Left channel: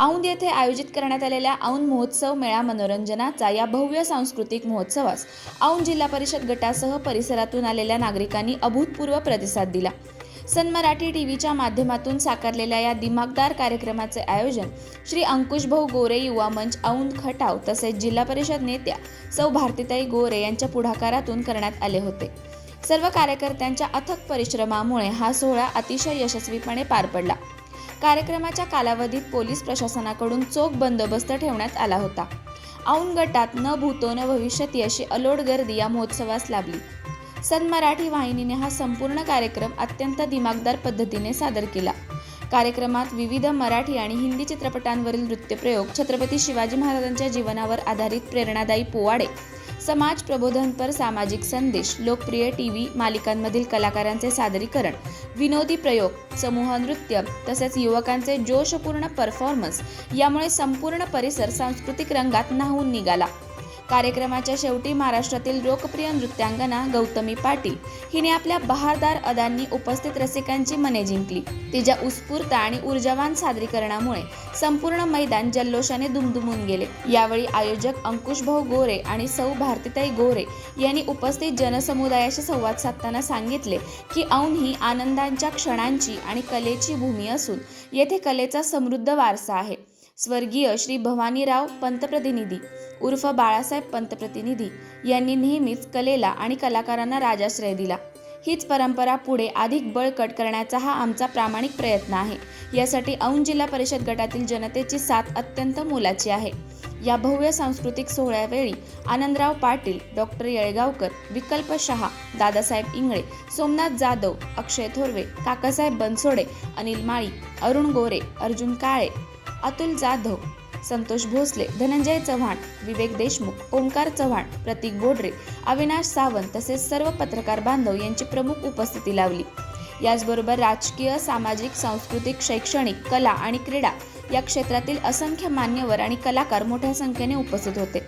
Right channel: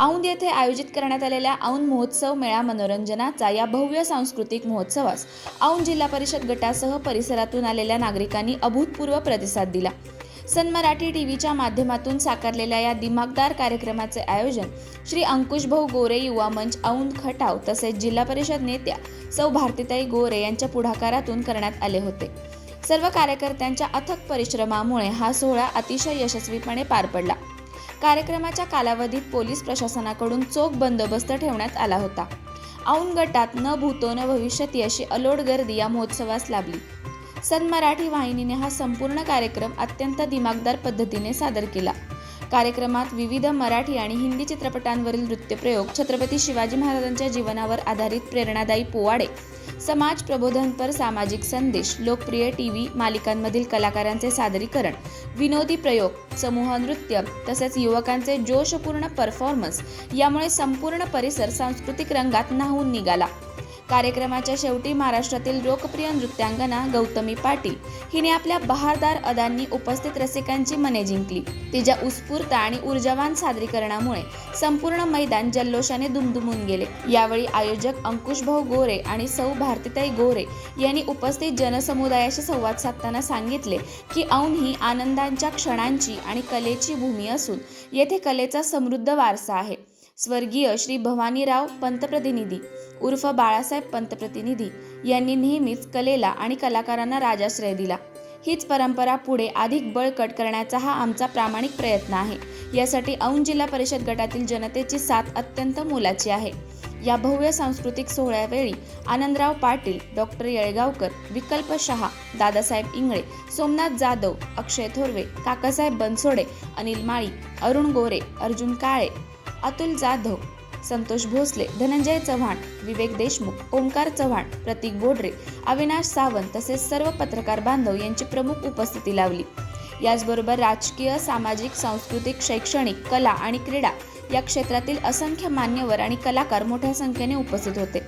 औंध येथे आयोजित करण्यात आलेल्या औंध महोत्सव मेळा मनोरंजनाचा या भव्य सांस्कृतिक महोत्सवास औंध जिल्हा परिषद गटासह परिसरातून आलेल्या नागरिकांनी अभूतपूर्व प्रतिसाद दिला। सन मराठी टीव्हीच्या माध्यमातून साकारलेल्या या दिमागदार कार्यक्रमाचे आयोजन श्री अंकुशभाऊ गोरे युवा मंच औंध खटाव तसेच जिल्हा परिषद नेत्या सौ भारतीताई गोरे यांच्या पुढाकारातून करण्यात आले होते। सर्व कार्यकर्त्यांच्या अथक परिश्रमामुळे हा सोहळा अतिशय यशस्वीपणे पार पडला। कार्यक्रमाच्या कालावधीत पोलीस प्रशासनाकडून चोख बंदोबस्त ठेवण्यात आला होता। औंध गटात न भूतो न भविष्यती अशी अलोट गर्दी या महोत्सवास लाभली। सन मराठी वाहिनीने हा संपूर्ण कार्यक्रम अत्यंत दिमागदार पद्धतीने सादर केला। कार्यक्रमात विविध मराठी आणि हिंदी चित्रपटांवरील नृत्यप्रयोग, छत्रपती शिवाजी महाराजांच्या जीवनावर आधारित प्रेरणादायी पोवाडे, समाज प्रबोधनपर सामाजिक संदेश, लोकप्रिय टीव्ही मालिकांमधील कलाकारांचे सादरीकरण, विनोदी प्रयोग, समूह नृत्य तसेच युवकांचे जोशपूर्ण परफॉर्मन्स यामुळे संपूर्ण परिसर सांस्कृतिक रंगात न्हाऊन निघाला। कार्यक्रमाच्या शेवटी महाराष्ट्रातील लोकप्रिय नृत्यांगना गौतमी पाटील हिने आपल्या बहारदार अदांनी उपस्थित रसिकांची मने जिंकली। तिच्या उत्स्फूर्त आणि ऊर्जावान सादरीकरणामुळे संपूर्ण मैदान जल्लोषाने दुमदुमून गेले। यावेळी आयोजक अंकुशभाऊ गोरे आणि सौ भारतीताई गोरे यांनी उपस्थित जनसमुदायाशी संवाद साधताना सांगितले की औंध ही आनंदांच्या क्षणांची आणि कलेची भूमी असून येथे कलेचा समृद्ध वारसा आहे। स्वर्गीय श्री भवानीराव पंतप्रतिनिधी उर्फ बाळासाहेब पंतप्रतिनिधी यांनी नेहमीच कलेला आणि कलाकारांना राजाश्रय दिला। हीच परंपरा पुढे अधिक बळकट करण्याचा हा आमचा प्रामाणिक प्रयत्न आहे। यासाठी औंध जिल्हा परिषद गटातील जनतेची साथ अत्यंत मोलाची आहे। या भव्य सांस्कृतिक सोहळ्यावेळी आनंदराव पाटील, डॉक्टर येळगावकर, विकल्प शहा, दादासाहेब इंगळे, सोमनाथ जाधव, अक्षय थोरवे, काकासाहेब बनसोडे, अनिल माळी, अरुण गोरे, अर्जुन काळे, अतुल जाधव, संतोष भोसले, धनंजय चव्हाण, विवेक देशमुख, ओंकार चव्हाण, प्रतीक बोडरे, अविनाश सावंत तसेच सर्व पत्रकार बांधव यांची प्रमुख उपस्थिती लावली। याचबरोबर राजकीय, सामाजिक, सांस्कृतिक, शैक्षणिक, कला आणि क्रीडा या क्षेत्रातील असंख्य मान्यवर आणि कलाकार मोठ्या संख्येने उपस्थित होते।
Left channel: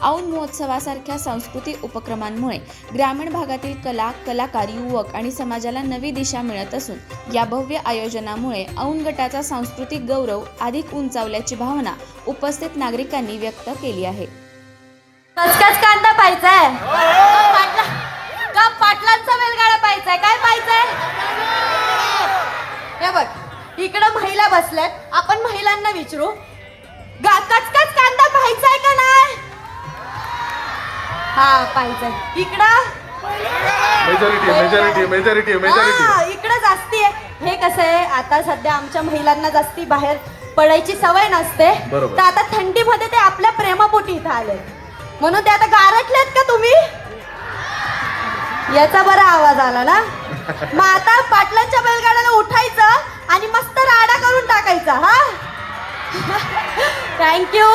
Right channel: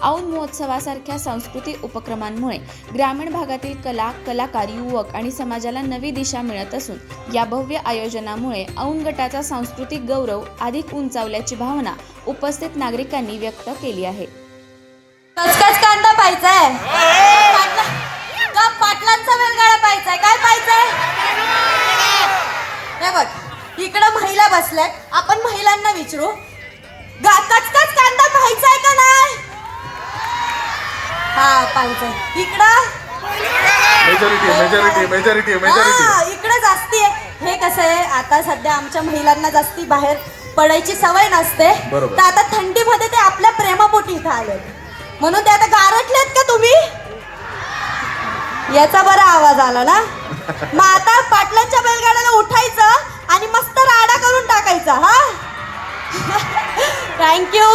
औंध महोत्सवासारख्या सांस्कृतिक उपक्रमांमुळे ग्रामीण भागातील कला, कलाकार, युवक आणि समाजाला नवी दिशा मिळत असून या भव्य आयोजनामुळे औंध गटाचा सांस्कृतिक गौरव अधिक उंचावल्याची भावना उपस्थित नागरिकांनी व्यक्त केली आहे। कचकच कांदा पाहिजे का पाटलांचा वेलगाडा पाहिजे, काय पाहिजे? हे बघ, इकडं महिला बसल्यात, आपण महिलांना विचारू, कचकच कांदा पाहिजे का नाही? हा पाहिजे। इकडं मेजॉरिटी इकडं जास्ती आहे। हे कसं आहे, आता सध्या आमच्या महिलांना जास्ती बाहेर पडायची सवय नसते, तर आता थंडीमध्ये ते आपल्या प्रेमापोटी इथं आले म्हणून ते आता गारठलेत का तुम्ही? याचा बरा आवाज आला ना। मग आता पाटलांच्या बैलगाड्याला उठायचं आणि मस्त राडा करून टाकायचा। हा थँक्यू।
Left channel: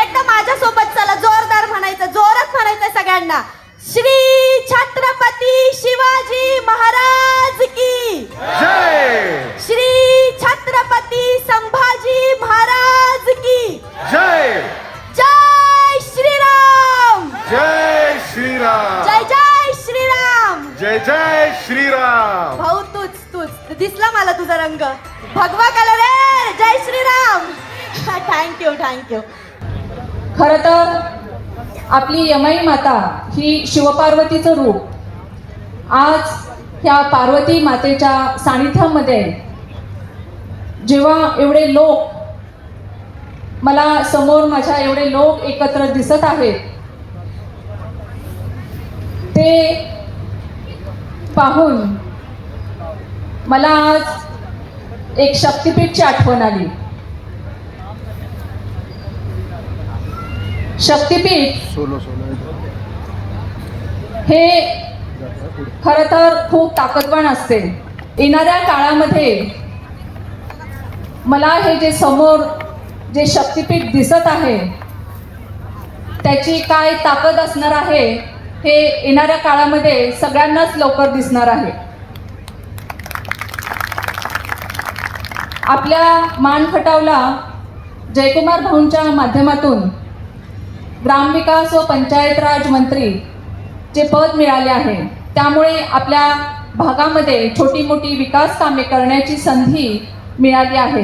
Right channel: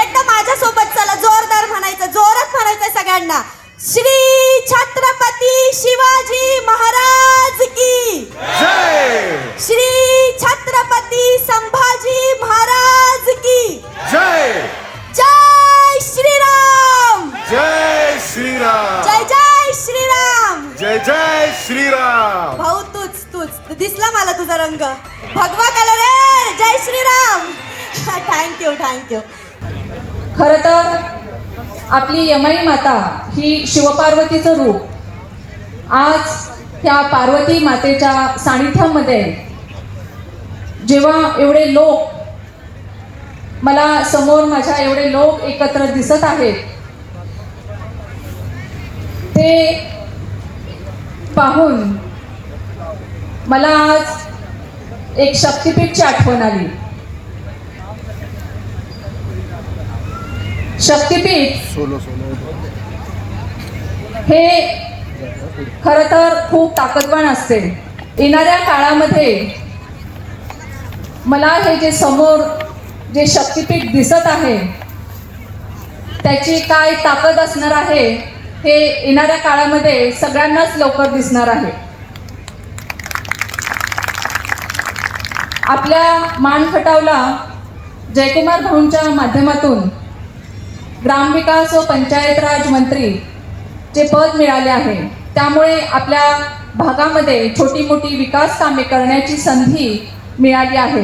एकदम माझ्यासोबत चला, जोरदार म्हणायचं, जोरात म्हणायचं सगळ्यांना, श्री छत्रपती शिवाजी महाराज की जय, श्री छत्रपती संभाजी महाराज की जय, जय श्रीराम, जय श्रीराम, जय जय श्रीराम, जय जय श्रीराम। भाऊ तूच दिसला मला तुझा रंग, भगवा कलर आहे। जय श्रीराम। थँक्यू। खरं तर आपली यमाई माता ही शिवपार्वतीचं रूप आज त्या पार्वती मातेच्या सानिध्यामध्ये जेव्हा एवढे लोक मला समोर माझ्या एवढे लोक एकत्र दिसत आहेत ते पाहून मला आज एक शक्तिपीठची आठवण आली। शक्तिपीठ हे खरं तर खूप ताकदवान असते। येणाऱ्या काळामध्ये मला हे जे समोर जे शक्तिपीठ दिसत आहे त्याची काय ताकद असणार आहे हे येणाऱ्या काळामध्ये सगळ्यांनाच लवकर दिसणार आहे। आपल्या मान खटावला जयकुमार भाऊंच्या माध्यमातून ग्रामविकास व पंचायत राज मंत्री जे पद मिळाले आहे, त्यामुळे आपल्या भागामध्ये छोटी मोठी विकास कामे करण्याची संधी मिळाली आहे।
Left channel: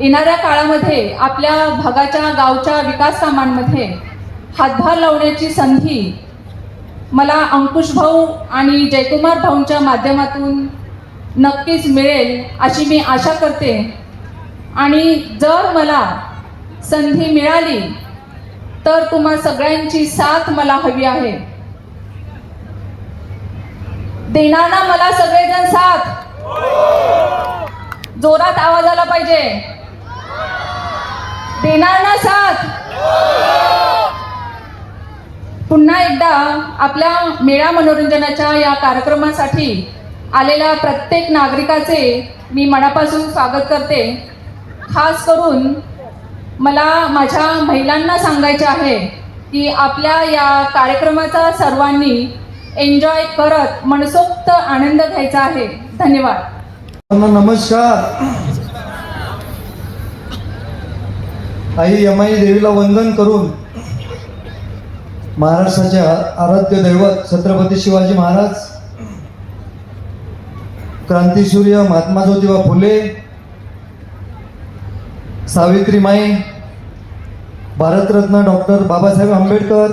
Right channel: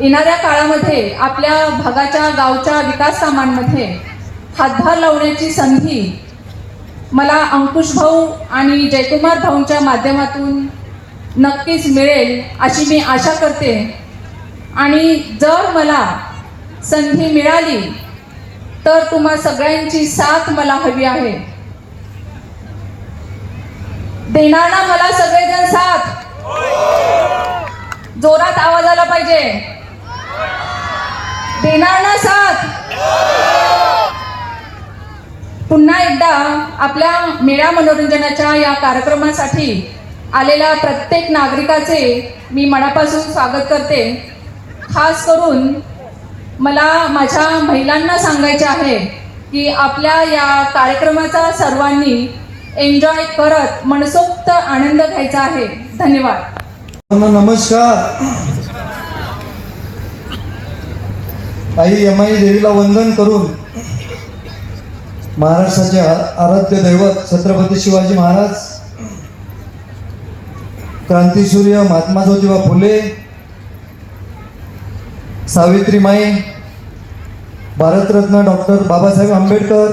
येणाऱ्या काळामध्ये आपल्या भागाच्या गावच्या विकास कामांमध्ये हातभार लावण्याची संधी मला अंकुश भाऊ आणि जयकुमार भाऊंच्या माध्यमातून नक्कीच मिळेल अशी मी आशा करते. आणि जर मला संधी मिळाली तर तुम्हा सगळ्यांची साथ मला हवी आहे. देणार ना मला सगळेजण साथ? जोरात आवाज आला पाहिजे. देणार ना साथ? पुन्हा एकदा आपल्या मेळा मनोरंजनाच्या या कार्यक्रमासाठी आलेल्या प्रत्येक नागरिकाचे मी मनापासून स्वागत करते. खास करून मला माझ्या महिलांना सांगायचे आहे की आपल्या या कार्यक्रमाचा सर्वांनी एन्जॉय करत मनसोक्त आनंद घ्यायचा आहे. धन्यवाद. नमस्कार. आई यमाई देवीला वंदन करून महाराष्ट्राचे आराध्य दैवत छत्रपती शिवाजी महाराज, क्रांतीसूर्य महात्मा ज्योतिबा फुले, सावित्रीमाई, भारतरत्न डॉक्टर बाबासाहेब आंबेडकर,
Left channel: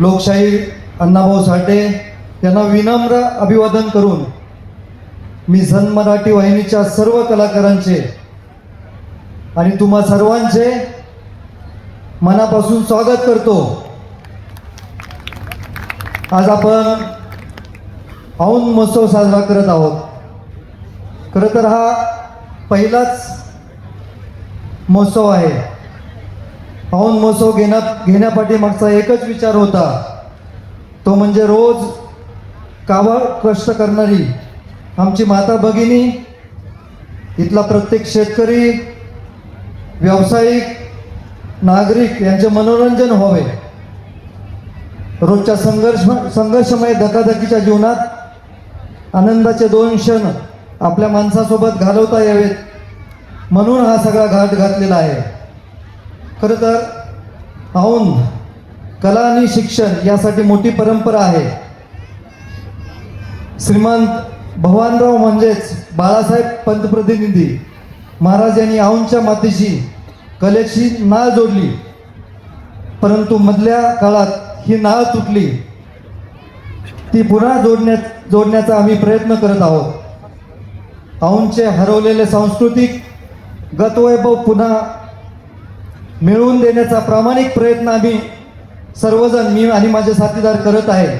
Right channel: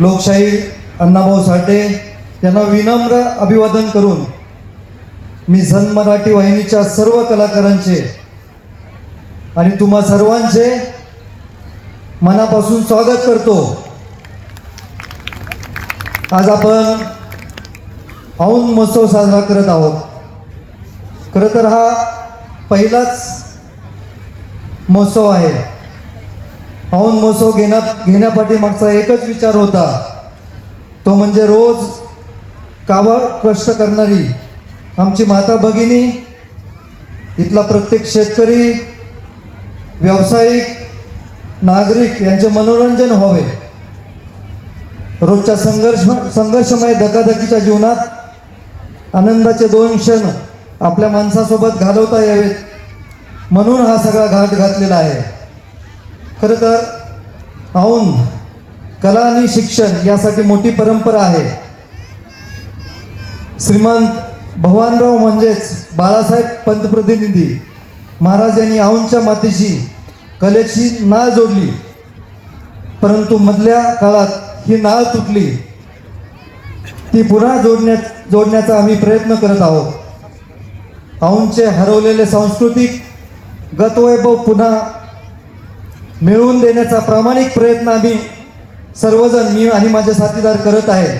लोकशाही अण्णाभाऊ साठे यांना विनम्र अभिवादन करून मी सन मराठी वाहिनीच्या सर्व कलाकारांचे आणि तुम्हा सर्वांचे मनापासून स्वागत करतो. आज आपण औंध महोत्सव साजरा करत आहोत. खरं तर हा पहिलाच महोत्सव आहे. औंध महोत्सव घेण्यापाठीमागचा एकच विचार होता, तो म्हणजे रोज काबाड कष्ट करणारी आमची माता भगिनी, इथला प्रत्येक शेतकरी, व्यावसायिक, नागरिक यांचे मनोरंजन व्हावे. रोजच्या संघर्षमय धकाधकीच्या जीवनात आनंदाचे 2 क्षण आपल्या माणसासोबत घालवता यावेत म्हणून हा सगळा घाट घातलेला आहे. खरं तर औंध कला आणि शिक्षण यासाठी मोठी परंपरा आहे. श्रीमंत भगवानराव म्हणजेच बाळासाहेब पंतप्रतिनिधी महाराज यांनी औंधच्या मातीशी कलेची नाळ जोडली, परंतु मधल्या काळात ही नाळ तुटली. ती पुन्हा जोडण्याचा आम्ही प्रयत्न करत आहोत. औंधचे हरवलेले सांस्कृतिक गतवैभव पुन्हा मिळवून देण्याचा प्रामाणिक प्रयत्न आम्ही सर्वजण, मी आणि माझे साथीदार करत आहे.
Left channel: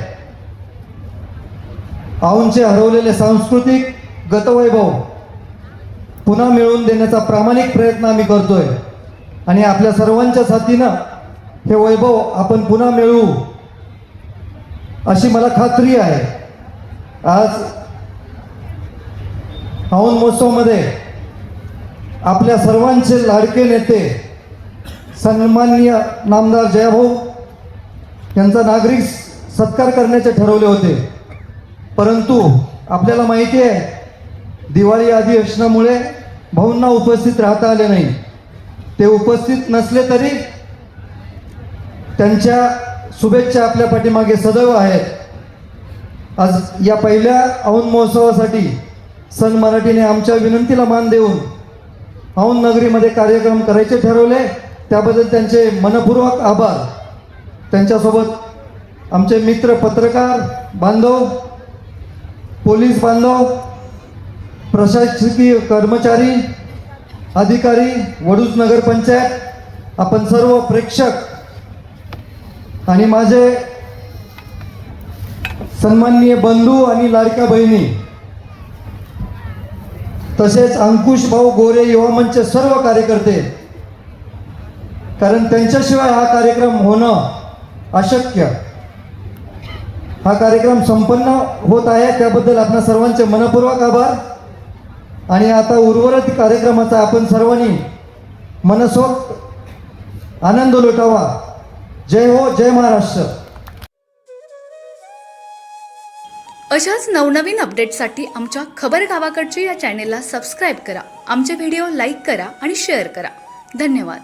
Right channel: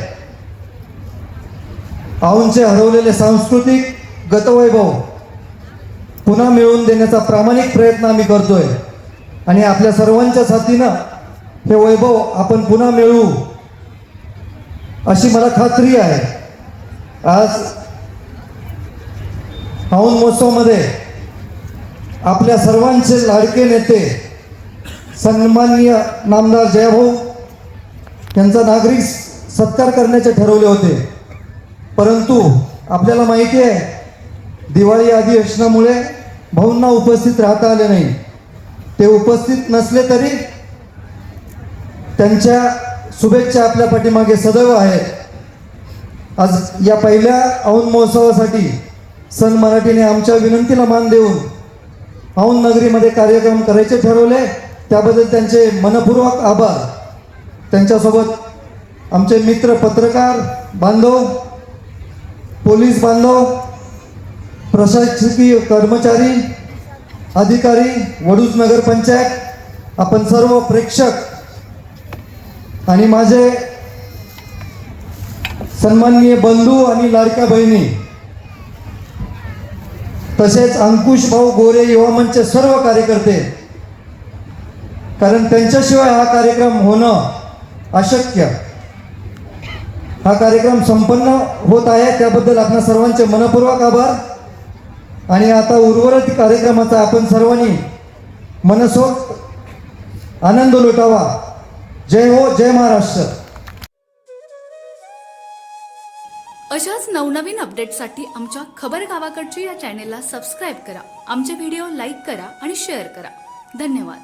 औंधचे हरवलेले सांस्कृतिक गतवैभव पुन्हा मिळवून देण्याचा प्रामाणिक प्रयत्न आम्ही करतोय आणि आपल्या सर्वांच्या साथीनं हे वैभव आपण पुन्हा मिळवू अशी मला खात्री आहे. आज औंध महोत्सवामध्ये आपल्या सर्वांचे लाडके नेते सन्माननीय नामदार जयभाऊ यांचा नागरिक सत्कार करण्याचे ठरवले होते, परंतु आपल्याला माहिती आहे दिवाळी अधिवेशनामुळे भाऊंना उपस्थित राहता आले नाही. ते उपस्थित नसले तरी त्यांच्या शुभेच्छा आपल्या पाठीमागे सदैव आहेत. आज या पहिल्या औंध महोत्सवासाठी सन मराठीने आमच्या विनंतीला मान देऊन औंध नगरीमध्ये कार्यक्रम करायचे ठरवले, त्याबद्दल त्यांचे मनपूर्वक आभार. त्यांच्यासोबत आमचे मित्र पत्रकार बांधव, पोलीस बांधव, प्रशासकीय कर्मचारी, अधिकारी, वडूज नगरपंचायत, आपण सर्व प्रेक्षक आणि माझे सन्माननीय बंधू आणि लाडक्या बहिणी, तसेच अंकुश भाऊ गोरे युवा मंचचे सर्व कार्यकर्ते, कारण त्यांच्याशिवाय हा कार्यक्रम होणं अशक्य. हा कार्यक्रम संपन्न होत आहे त्याबद्दल आपल्या सर्वांचे मनपूर्वक आभार. आणि आता उर्वरित कार्यक्रमाचा आपण सर्वांनी मनसोक्त आनंद लुटावा. जय हो, जय महाराष्ट्र. अशाच नवनवीन अपडेट्ससाठी आमच्या खबर गावाकडच्या या चॅनेलला सबस्क्राईब करा. आमचे व्हिडिओ लाईक करा आणि शेअर करा. धन्यवाद.